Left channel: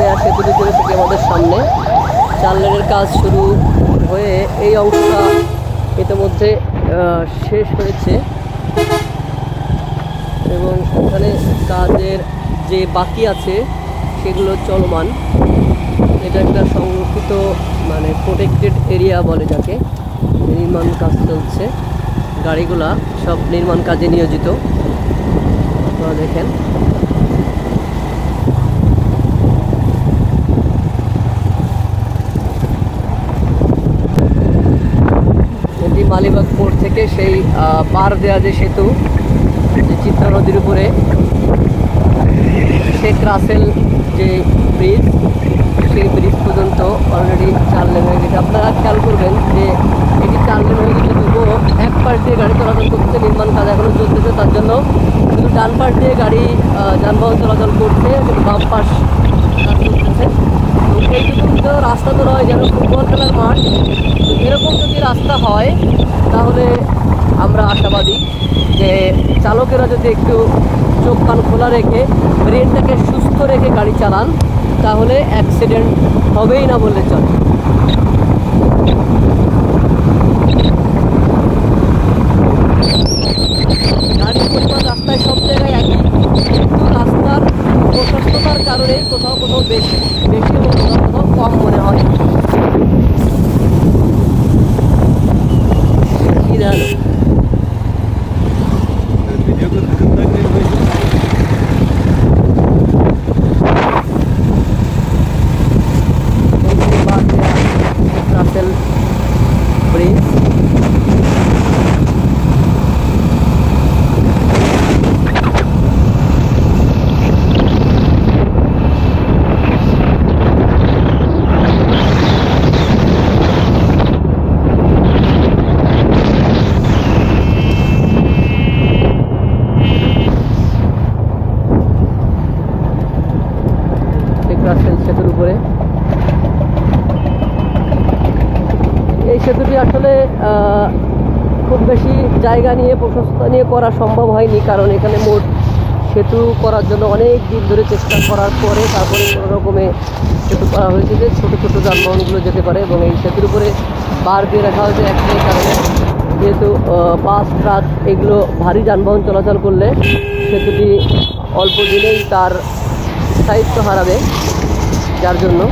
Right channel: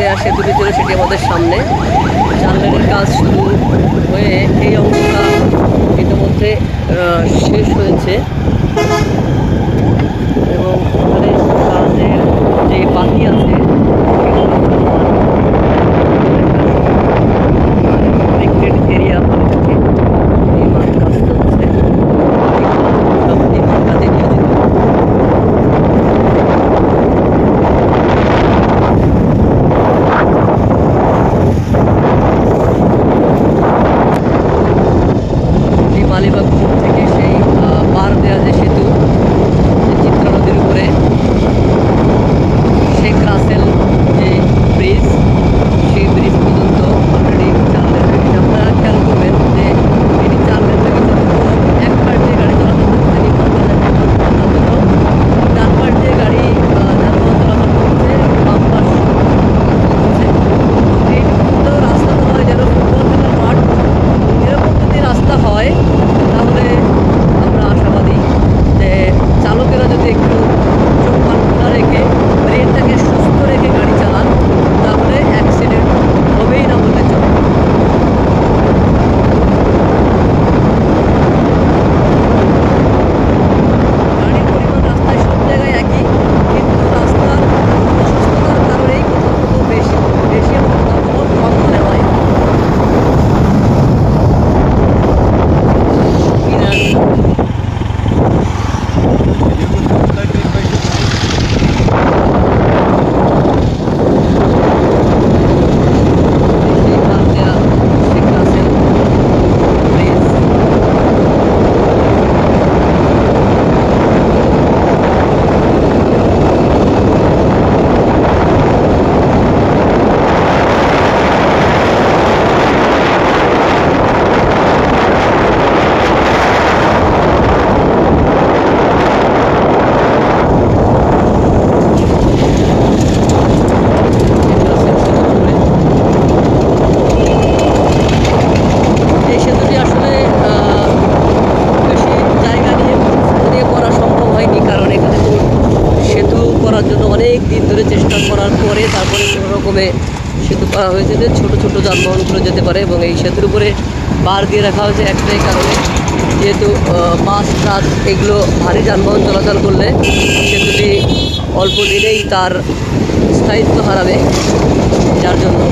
দেওয়া সেতুটি ছিল সেটি আমাদের সামনে। 4 লেনের কাজ শুরু হয়ে এই অংশটা ইতিমধ্যে শেষ হয়েছে এবং এখানে কাজের যে বাকি আছে সেগুলো চলমান। এটা একটা সংযুক্ত মানে প্রোটেক্টেড এরিয়া বলে যাকে। নির্মাণ কাজ চলছে, গাড়িগুলা সব নির্মাণ কাজে নিয়োজিত। মালিবাগ পোর্ট থেকে সেই পার দেওয়া যে সেতু, চিত্রা নদীর উপরে শেখ রাসেল যে ব্রিজ, সেই ব্রিজ পর্যন্ত অলরেডি 4 লেন হয়ে গেছে। আপনারা খেয়াল করবেন যে এটি 4 লেন হয়ে গেছে, তবুও এক পাশ দিয়ে গাড়ি চলাচল করছে, নির্মাণ কাজ এখনো চলতেছে। তার জন্য ডান পাশ দিয়ে গাড়ি যানবাহন চলাচল করছে, বাম পাশ চলছে। তো এইটুকু তো রাস্তা তো নয় যেন ফুটবল খেলার মাঠ। এরকম যদি রাস্তা হয় তাহলে আমরা আশাবাদী যে চালকেরা যদি একটু চোখ কান খোলা রেখে ব্রেনটাকে সুস্থ রেখে গাড়ি চালান তাহলে অ্যাক্সিডেন্ট হবেই না বললে চলে। গাড়ির পরিমাণ রাস্তায় সব জায়গায় একই, কিন্তু রাস্তার প্রশস্ততার কারণেই কোথাও কোথাও বেশি এবং কোথাও কোথাও কম মনে হয়। এই সেতুটি আসলে খুব বেশি জায়গা নিয়ে করা সম্ভব হয়নি, কারণ এখানে মোট সেতু করার জন্য অনেক দিন ধরে চেষ্টা করার পরে তারপরে কোনো রকমে সেতু করা হয়েছে যে ছোট ছোট যানবাহনগুলো যেতে পারে। এবং এই সেতুর উপরে বার দিয়ে রাখা হয়েছে একটাই কারণে, যেহেতু বাস ট্রাক এগুলো ভারী যানবাহন চলাচল করলে সেতুটি অল্প দিনেই তার স্থায়িত্ব হারাবে, যার জন্য